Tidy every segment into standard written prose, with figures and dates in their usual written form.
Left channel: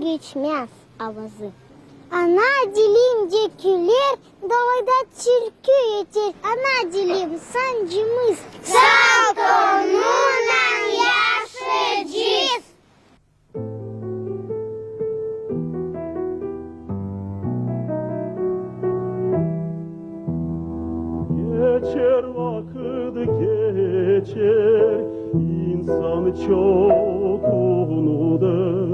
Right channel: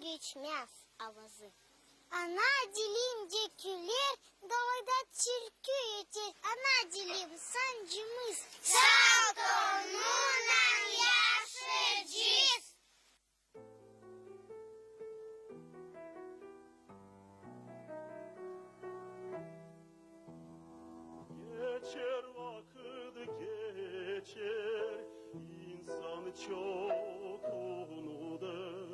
geçmez avazı. Ana dilim dökülür, davada türkü yeter. Ana dilim sancımız. Sağ konunan yaşayacağız. Geçer vakit geçer, insan çok unudur.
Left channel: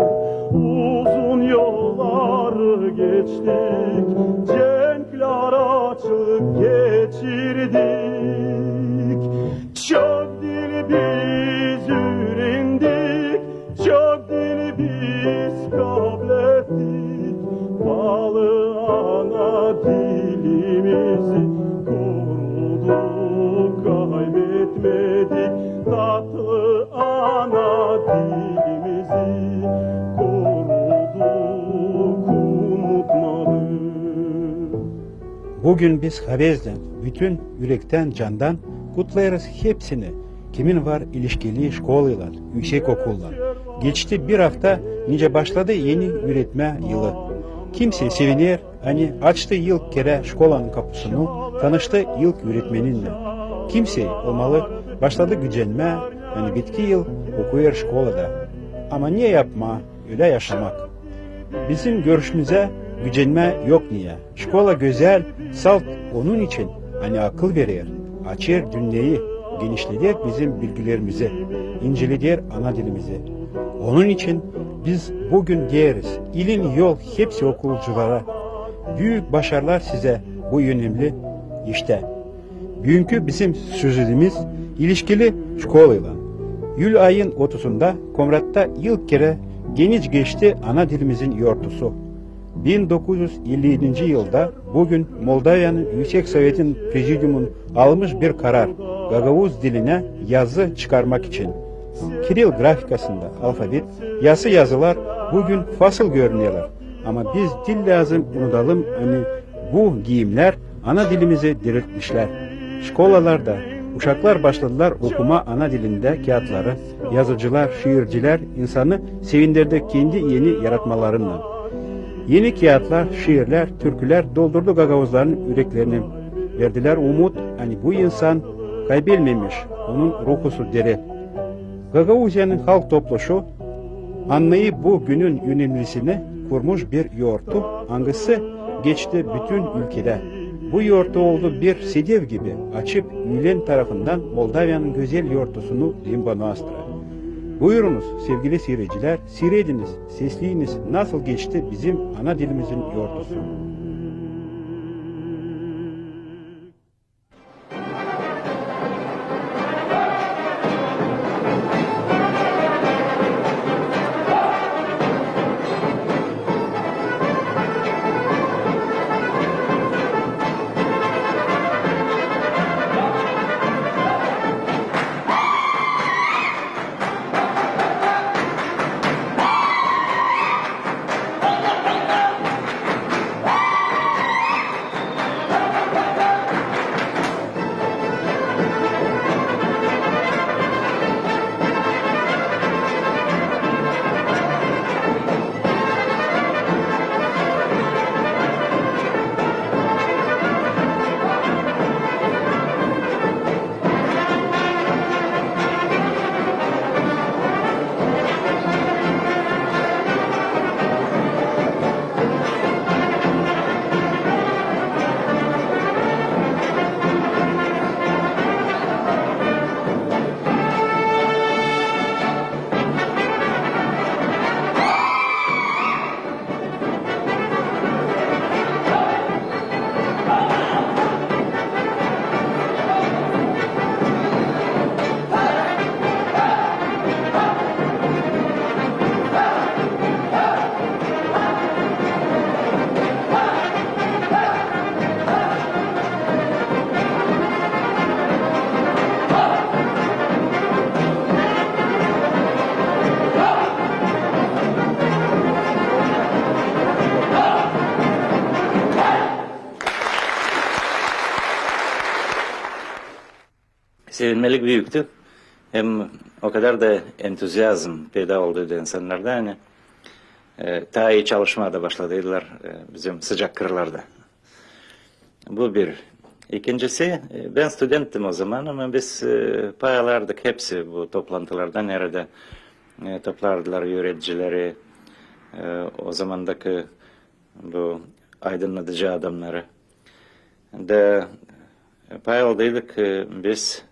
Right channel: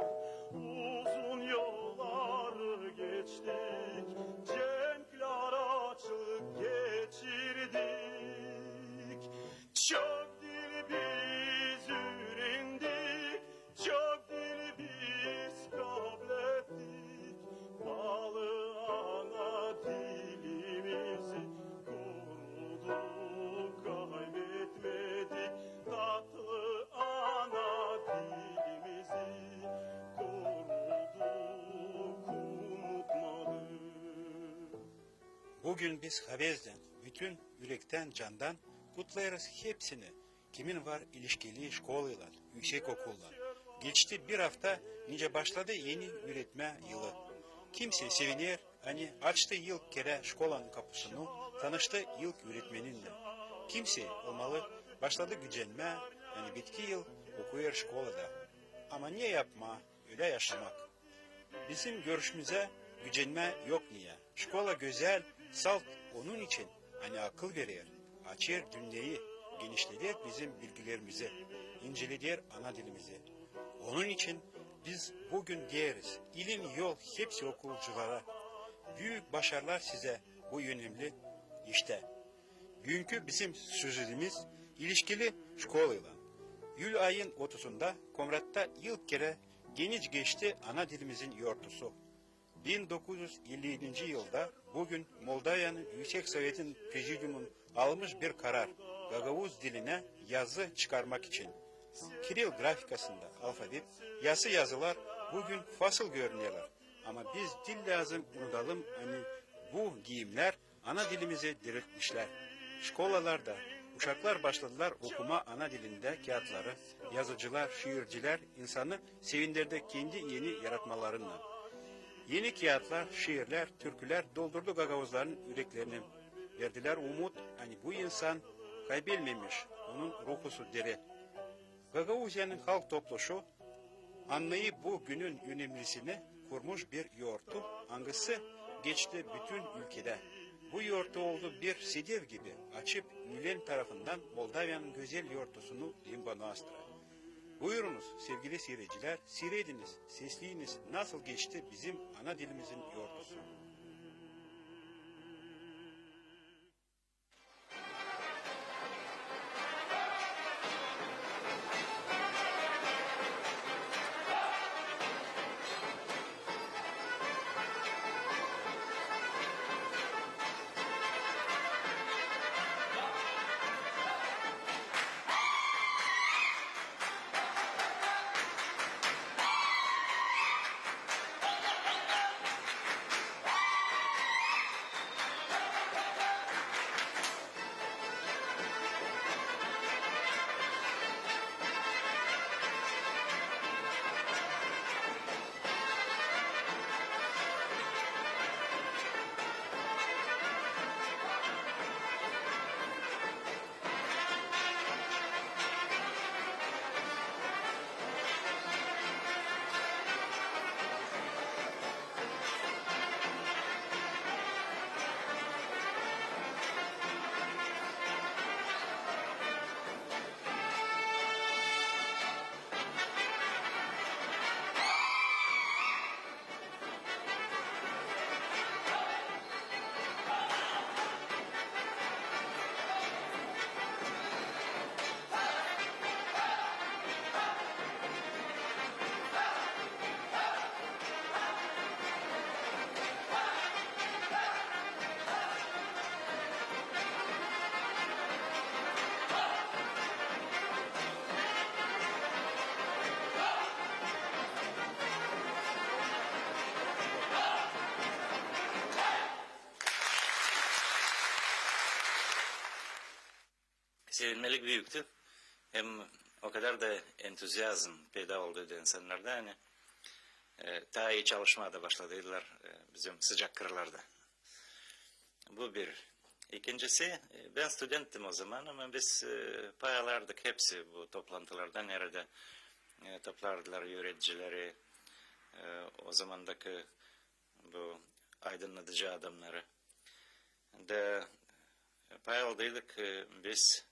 Uzun yollar geçtik, cenkler açık geçirdik. Çok dil biz öğrendik, çok dil biz kabul ettik. Balı ana dilimizi koruduk, kaybetmedik. Tatlı ana dilimizi koruduk, unutmadık. Bugün biz Havez'den, bütün yürekten, candan kutlarız hepsini. Kimin var ilişkili şkolalar, yüksek okullar. Geçti bir hafta, nice başladı yeni üretme yılı. Kimse sevinir, hani açtı ilk kere şkolanın kapısını, tanıştı ilk öğretmeninle. Kimse olmalı, başladı gücenme, hani bitki yıl okuyor şkolada. Ama niye yapma, öyle yaşamak? Bizim görüşümüze gücenme yok niye? Şkola güzel, salt onun için, hani akıl verir, açır dünyayı, genişletir bizim bilgilerimizi, inceletir ana dilimizi. Onun için biz bugün diyeriz, ilim yol hepsi okulculara. Büyük başarılar size bu önemli işte. Bugünkü bizim sözümüz ilişkili şkolayla. Yül ayın 30'unda Komrat'ta ilk kere geniş geçti ana dilimizin yortusu. 1957 yılda bugün Moldova'nın Yüksek Sovet'in prezidyumun almış bir karar Gagavuz diline yazı çıkarmak için. Kiril grafikasında alfabet, yazı yazılar bugün fasıl görünüyorlar. Ama biz dil lazım unutalım hani bu giyimler ana dilimizi diriltmişler. Şkolalarda uşaklar başladılar okuma ana dilinde kağıtları, yazıcılar, şiirciler insanı sevindirdi kendi yeni yaratmalarından. Yeni kağıtlar, şiirler, türküler doldurdu Gagavuzların yüreklerini. Verdiler umut, hani bu insan kaybetmemiş, onun ruhusu deri. Gagavuzya'nın halk topluşu, anlayıp bu günün önemlisini kurmuş bir yoğurtu, hangisi geçti bütün ülkede. Bu yoğurtu oldu bir sedev gibi açıp Mülen tarafından Moldova'nın güzel yoğurtusunu limbana astıra. Buyurunuz sevgili seyirciler, seyrediniz, sesleyiniz nasıl geçti bizim ana dilimizin yoğurtusu. Sevinmelik büyüktü. Hem o kadar da entüzyazm peyda oldu insanlarda hani. daha iyi çalışmaya da başladılar bizim sıcak kırlarda. Bu bir. İkincisi, ben studenttim o zaman ama biz paylardık hepsi bu toplantılarda. Nerede toplardılar yöneticileri, o zamandaki bu aydınlatıcı adamları. De payaldaydık biz,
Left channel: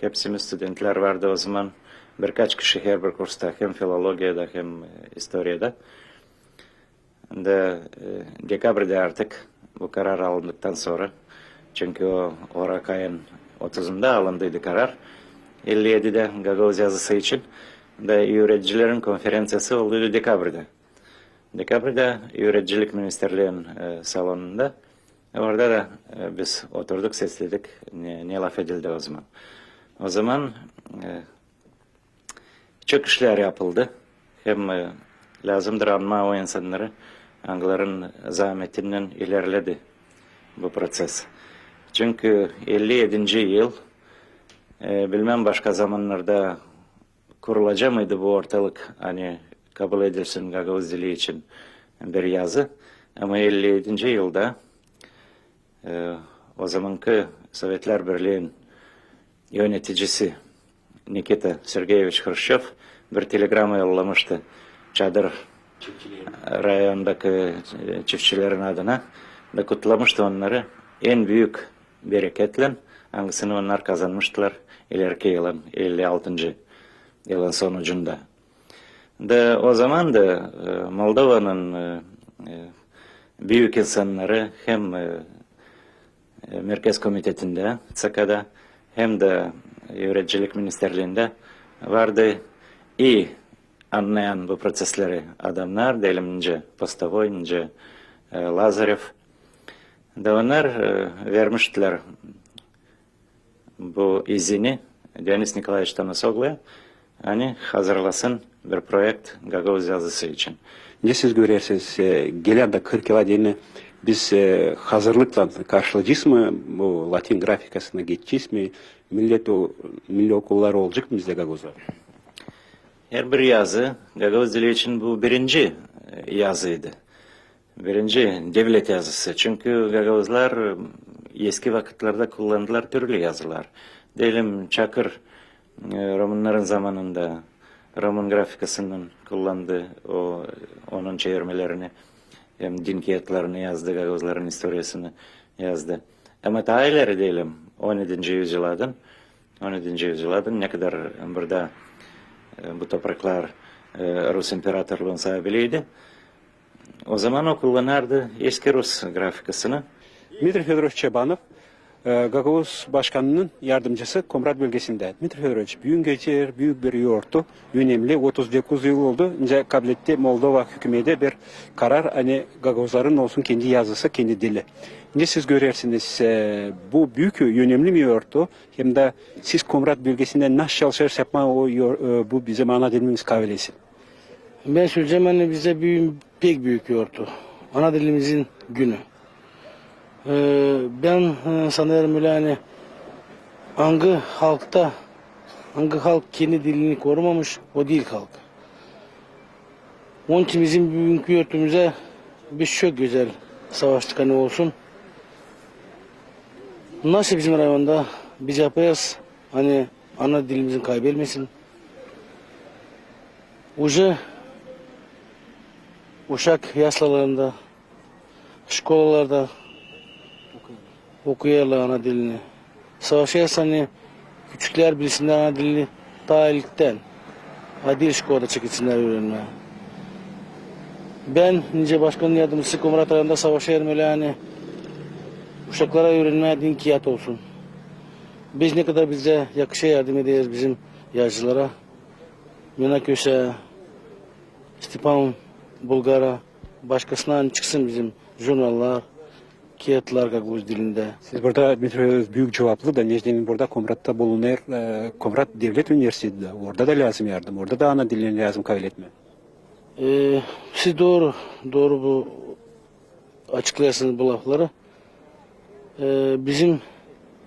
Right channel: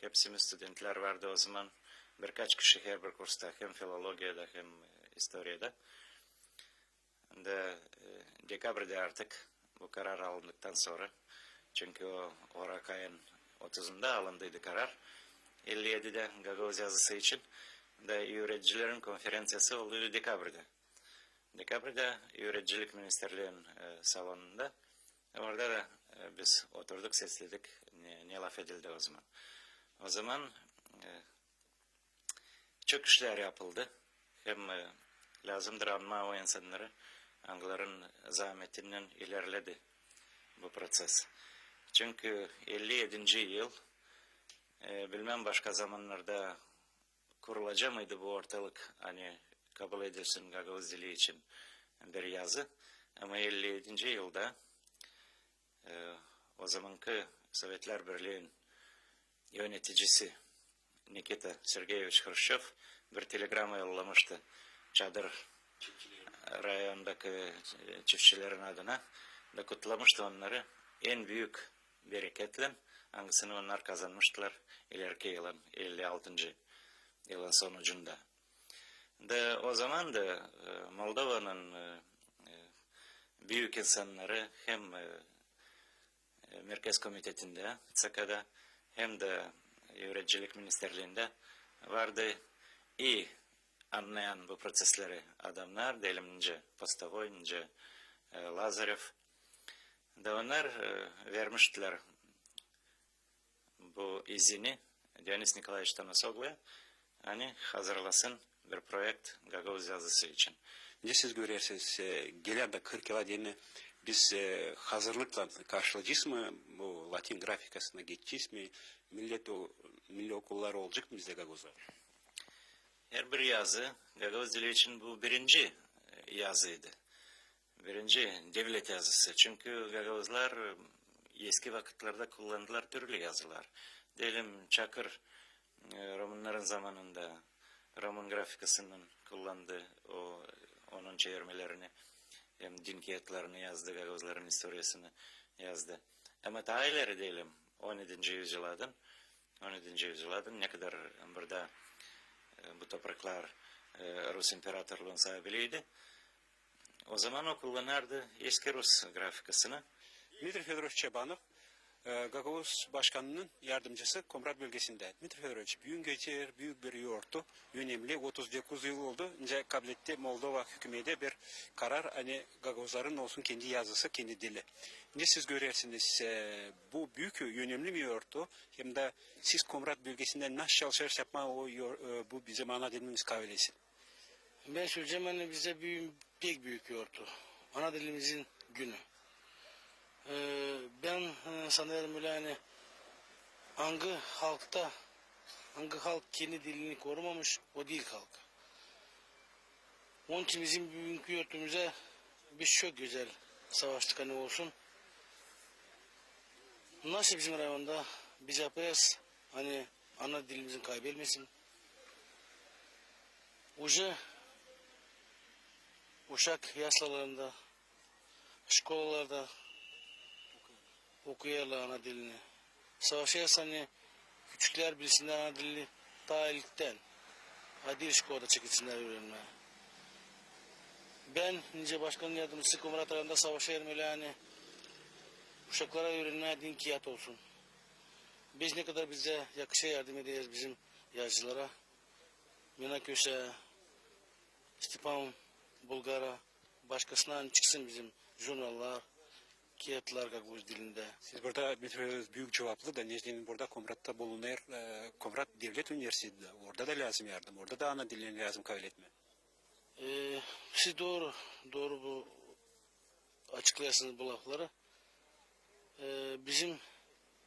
hepsimiz studentler vardı o zaman. Birkaç kişi her bir kursta, hem filologiyada hem historiyada. De dekabrde artık bu karar alındıktan sonra, çünkü o Ocak ayın 30'unda alındıydı karar. 57'de Gagavuz yazısı için de öğreticilerin konferansiyası oldu dekabrde. Dekabrde öğreticilik ministerliğinin salonunda. Orada da biz oturduk, sesledik. Ne laf edildi o zaman. O zaman çok işler yapıldı. Hem lazımdır anma o insanları. Angların zahmetinden ilerledi bu proses. Çünkü 57. yıl bilmem başka zamanlarda kurulacak mıydı bu ortalık, hani kabul edilsin Gagavuz dili için bir yazı. Ama 57. yılda o zamanki Sovyetler Birliği'nin yöneticisi Nikita Sergeyevich Khrushchev bir telegrama yollamıştı Çadır rayondaki çiftçilerin adına da kutlamıştı onları. En büyük bereketle hangisini onlar kazanmıştılar ileriki yılın 56. yılın sonucunda. De o zaman da Moldova'nın büyük insanları hem Merkez Komitesi'nde, SK'da hem de Öğreticilik Ministerliği'nde vardı iyi anlayan bu prosesleri adamlar, diyelimce Postovoy'ince Lazarev. De onlar vermiştiler bu izini Deniz Nikolaevich Tanasoglu'ya, hani hazırlasın bir projekt Gagavuz yazısı için. Ne siz görürsünüz, gelen de 40 yıla değine biz hazırlıkla karşılayacağız mı? Bu Latin grafikasına geçeceğiz mi? Milli okullar olacak mı bizde Gagavuz'da? Her bir yazı Gagavuz dili için bu birinci yazıydı. Birinci devlet yazısı. Çünkü Gagavuzlar eski vakitlerde kullandılar türlü yazılar. Diyelim Çakır Romanların zamanında Roman grafikasının kullandığı onun çevirmelerini, hem din kağıtlarını yazdı, Gagavuzların historiasını yazdı. Ama daha ileri diyelim 17. yüzyıldan ne kadar burada bu topraklar Rus İmparatorluğu'nun sahibiydi. O zaman o kullanırdı eski Rus grafikasını. Dmitri Fedorovich Çabanov, Gagavuz Başkanı'nın yardımcısı Komrat bölgesinde. Dmitri Fedorovich büyük geçer, büyük bir yoğurttu. Önemli 39 yıl oldu. İnce kabul etti Moldova hükümeti bir karar. Hani Gagavuzların olsun kendi yazısı, kendi dili. Ne siz görürsünüz, bu büyük önemli bir yoğurttu. Hem de siz Komrat bölgesinde nasıl çalışırsa yapma bu bizim ana dilimiz kabilesi. Ben söyleyeceğim, hani bize pek büyük yoğurttu. Ana dilimizin günü. Ben sanıyorum öyle hani hangi halk kendi dilini korumamış, o değil halk. Onun için bizim bugünkü yurtumuza biz çok güzel savaştık hani olsun. Nasıl bizim rayonda biz yapacağız, hani ana dilimizin kaybetmesin. Uşak yaslalarında, şkolalarda okuyarlar ana dilini. Savaşıyorsa hani küçükler bilsinler ana dilini daha ilkten. Adil şkolada çekilsinler öğrenmeye. Ben nice başkanın yardımcısı Komrat Rayon'da savaşıyorum öyle hani uşaklara öğrenmeye din kiyat olsun. Biz ne kadar bize yakışa yardım ederiz bizim yazıcılara. Yunaköse, Stepan Bulgar'a, başkasına hani çıksın bizim jurnallar, kağıtlar Gagavuz dilinde. Siz burada büyük cevaplı da Necdet'in burada Komrat'ta bulunan Komrat Devlet Üniversitesi'de. Orada da lazım yardım. Orada da ana dilini lazım kabul etme. Siz doğru bu açıklayarsınız bu lafları. Bizim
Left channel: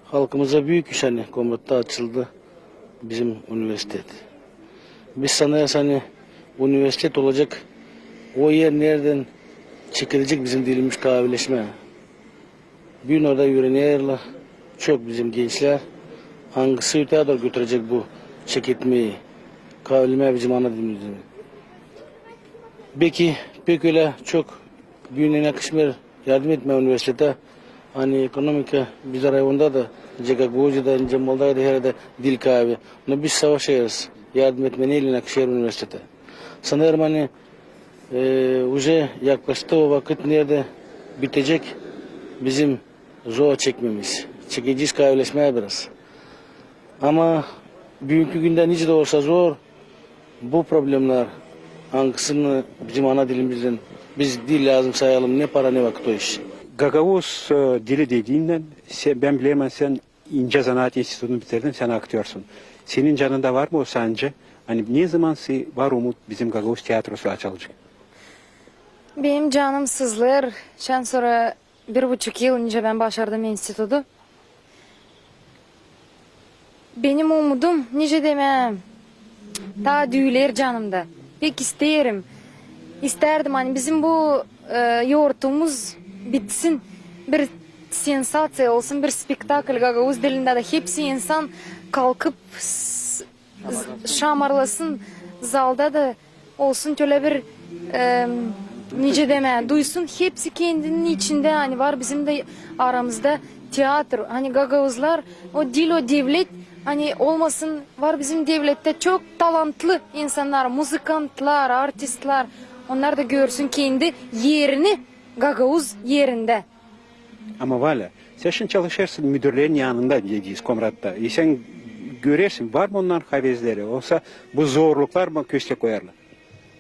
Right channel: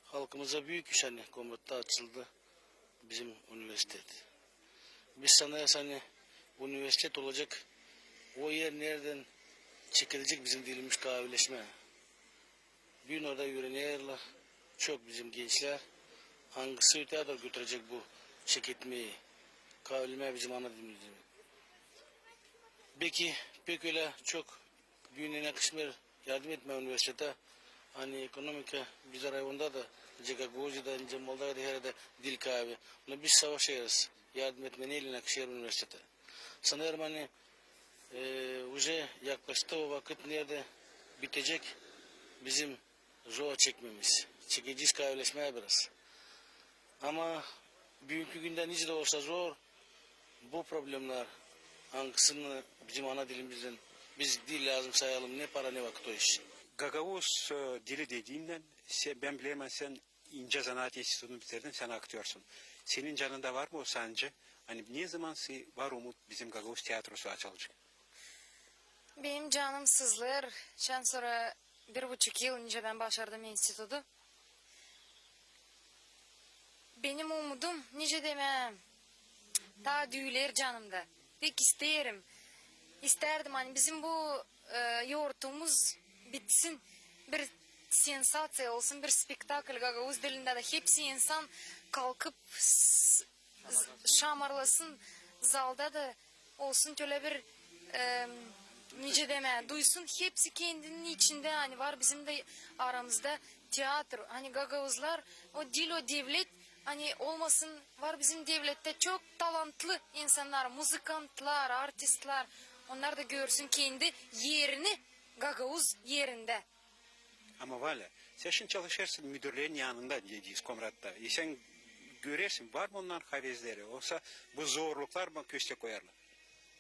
halkımıza büyük iş hani Komrat'ta açıldı bizim üniversite. Biz sanıyoruz hani üniversite olacak o yer nereden çekilecek bizim dilimiz kavilleşme. Bir gün orada yürüyenler çok bizim gençler hangisi öteye doğru götürecek bu çekitmeyi. Kavilleme bizim ana dilimizde. Belki pek öyle çok büyüğüne yakışmıyor yardım etme üniversitede. Hani ekonomika biz rayonda da Cegagoz'da, ince Moldava'da her yerde dil kaybı. Ama biz savaşıyoruz. Yardım etme neyle yakışıyor üniversitede. Sanırım hani уже yaklaştı o vakit nerede bitecek bizim zor çekmemiz. Çekeceğiz kavleşmeye biraz. Ama bugünkü günde nice de olsa zor bu problemler hangisini bizim ana dilimizden biz dil lazım sayalım ne para ne vakit o iş. Gagavuz dili dediğinden ben bilemem sen İnce Zanaat Enstitüsü'nü bitirdin, sen aktörsun. Senin canında var mı o sence? Hani ne zaman var umut bizim Gagavuz tiyatrosu açılacak? Benim canım sızlar. Şen sonra 1,5 yıl önce ben başardım enstitüdü. Benim umudum nice demem. Ta düğüler canımda. Pek isterim. İsterdim hani bizim bu yoğurtumuz bitsin. Bir sensasyon olsun, bir spektakl Gagavuz dilinde de hepsi insan kalkıp şamarlasın. Zalda da olsun şöyle bir nice deme duysun, hepsi kendinin içinde hani var bizim de aramızda tiyatro hani Gagavuzlar o dil o devlet hani olmasın var bizim devlette çok talantlı insanlar, muzikantlar, artistler, onlar da görsün kendi yerini Gagavuz yerinde. Ama valla sen şimdi çalışırsın müdürlerin yanında diyeceğiz Komrat'ta. Sen görürsün var mı onların havezleri olsa bu zorluklar mı köşke koyarlar?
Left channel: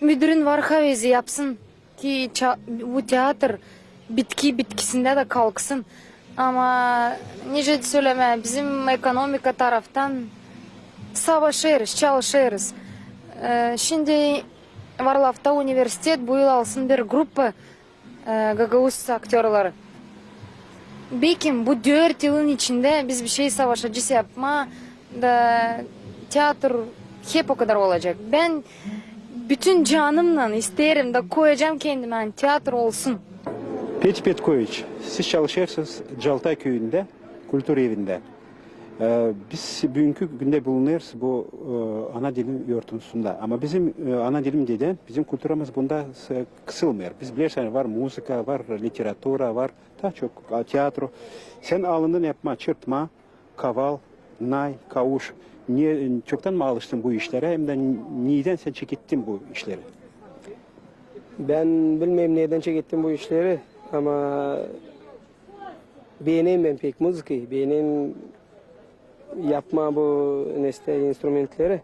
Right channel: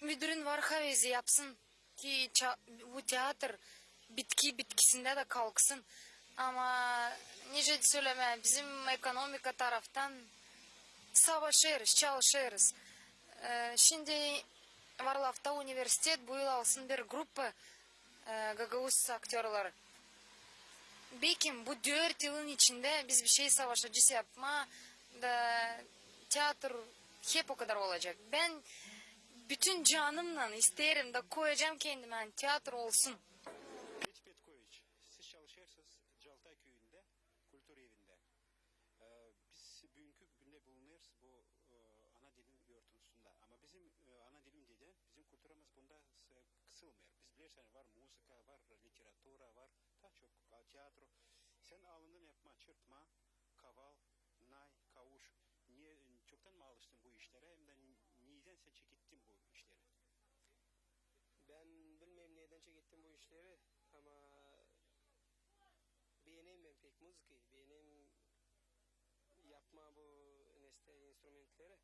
Müdürün var havezi yapsın ki bu tiyatr bitkisinde de kalksın. Ama nice söyleme bizim ekonomika taraftan savaşırız, çalışırız. Şimdi Varlav'da üniversitet bu yıl alsın bir grup Gagavuz aktörleri. Belki bu 4 yılın içinde biz bir şey savaşacağız yapma da tiyatr hep o kadar olacak. Ben bütün canımla isterim de koyacağım kendime hani tiyatro olsun. Peti Petkoviç, siz çalışırsınız Caltay köyünde, kültür evinde. Biz bugünkü günde bulunuyoruz bu ana dilim yurtusunda. Ama bizim ana dilim deden, bizim kültürümüz bunda kısılmıyor. Biz bilirsiniz var müzika, var literatura, var daha çok tiyatro. Sen alındın yapma, çırpma, kaval, nay, kavuş. Niye, çoktan mı alıştın bu işlere hem de neden sen çekittin bu işleri? Ben bilmem neden çektim bu işleri ama beğeneyim ben pek müziği, beğeneyim yapma bu neste instrumentleri.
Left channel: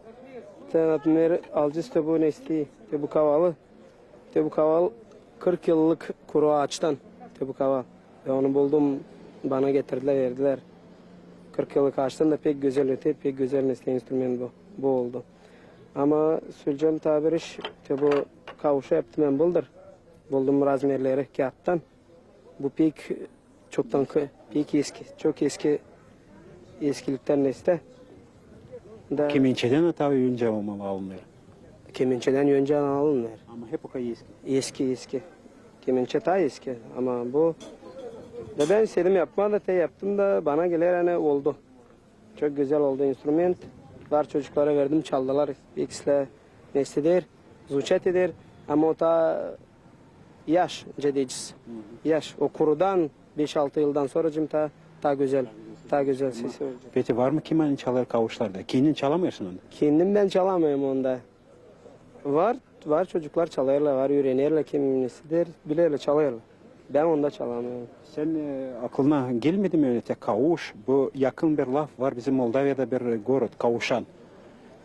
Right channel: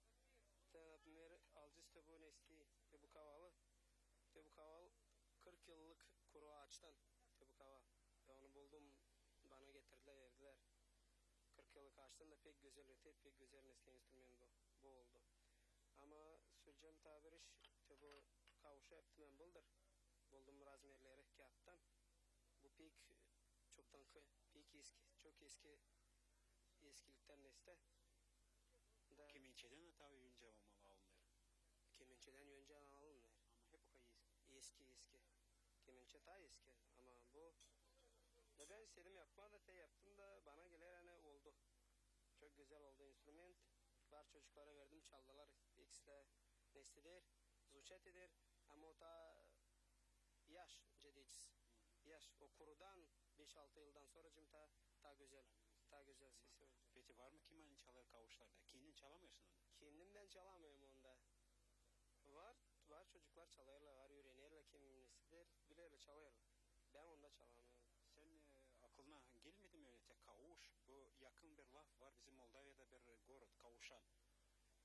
Tanıtımları alacağız da bu nesti, bu kavalı. Bu kaval 40 yıllık kuru ağaçtan bu kaval. Ben onu buldum, bana getirdiler, verdiler. 40 yıllık ağaçtan da pek güzel öte, pek güzel neste instrument bu oldu. Ama söyleyeceğim tabir iş, bu kavuşa yaptım ben buldum razmerleri kağıttan. Bu pek çoktan pek eski, çok eskilikten neste. Da Kemençeden tabii önce alınıyor. kemençeden önce alınır. Ama hep o kadar eski. Eski. Kemençe daha eski ama bu da ben istedim yapma da yaptım da bana gelir hani oldu. Çok güzel oldu instrument. Var çocuklara verdim çaldılar. İkisi neste der, zuçet eder ama o da yaş cedeciz. Yaş o kurudan 5-6 yıldan sonra ta güzel sesi olacak. Peki var mı keman çalar kavuşlarda? Kendin çalamıyorsun onu. Kendim ben çalamıyorum onda. Var çocuklar çalarlar, var öğrenirler kim nesidir, bilirler çalarlar. Ben onda çalamıyorum. Sen aklına gelmedi mi öyle kavuş? Bu yakın bir laf var bizim Moldava'da bir gorod kavuşan.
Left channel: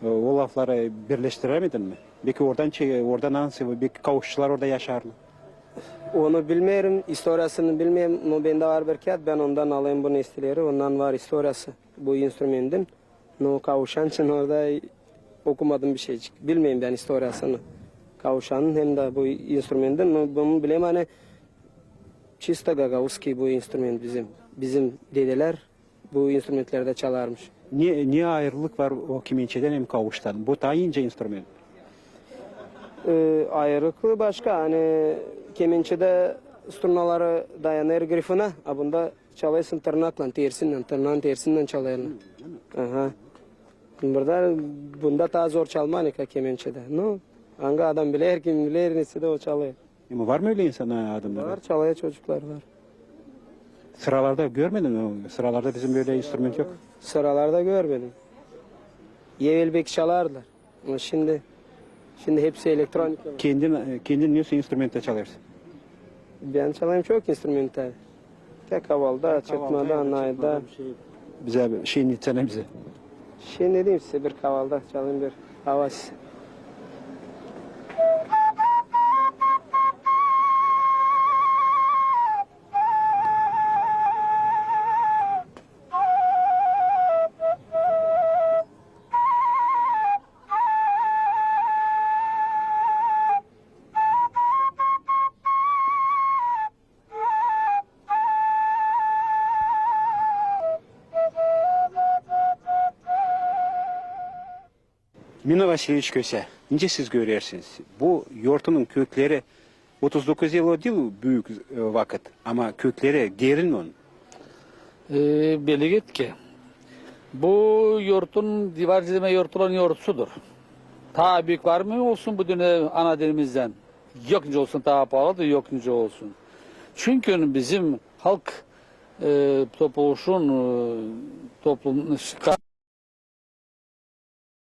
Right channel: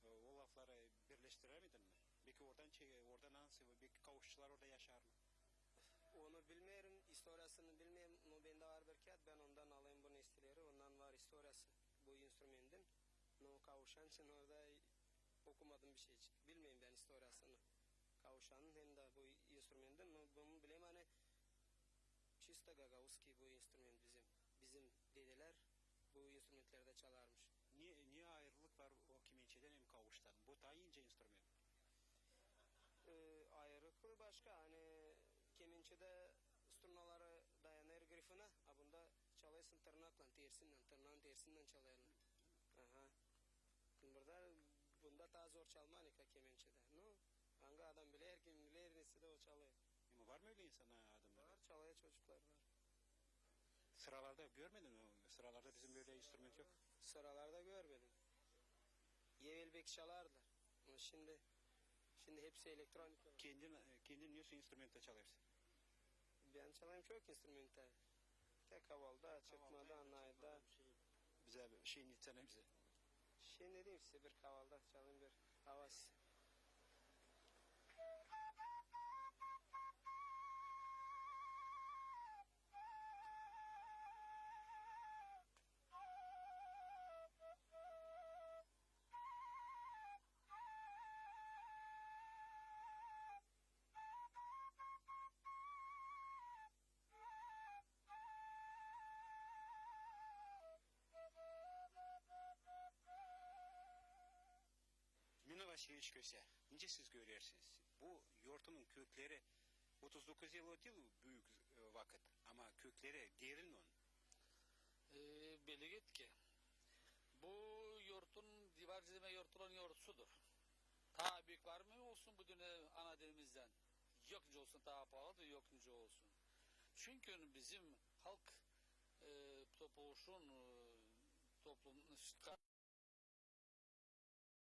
O lafları birleştiremedin mi? Belki oradan nasıl? Belki kavuşçular orada yaşar mı? Onu bilmiyorum, historiasını bilmiyorum. No bende var bir kağıt, ben ondan alayım bu nestileri. Ondan var historiası bu instrumentin. No kavuşan için orada okumadım bir şey. Bilmiyorum ben historiasını. Kavuşanın hem de bu instrumentin. No, bunu bileyim hani çista Gagavuzki bu instrument bizim dedeler bu instrumentlerde çalarmış. Niye ayrılık var o kemençeden hem kavuştan? Bu daha ince instrument. Ayrıklı başka hani kemençede strunaları dayanır grifine. Bunda çalıyorsun tırnakla, tersinden, tırnağın tersinden çalıyorlar. Aha. Bunda daha zor çalmanika kemençede. No. Hangi adam bilir, kim bilir, nesi de o çalıyor. Ama var mı öyle insanlar adamlar? Var, çalıyor çocuklar var. Sıralarda görmedin mi? Sıralarda bizim böyle instrument yok. Sıralarda görmedim. Evvel belki çalardılar. Ama şimdi hepsi elektronik. Kendin nasıl instrumentte çalıyorsun? Ben çalayım çok instrumental. Tek havalda, çıkmada, anayda. Bize bir şey nitsene bize. Şey ne diyeyim size bir kavalda çalayım bir havas. Mina Vasilievich Köse, nice siz görüyorsunuz? Bu yortunun kökleri 39 yıl değil büyük vakit ama kökleri derin mi onun? Beligit ki bu yurtun divar dizime yurtulan yurtsudur. Ta büyük var mı olsun bu dünya ana dilimizden. Yokunca olsun ta pahalıdır yokunca olsun. Çünkü bizim halk toplum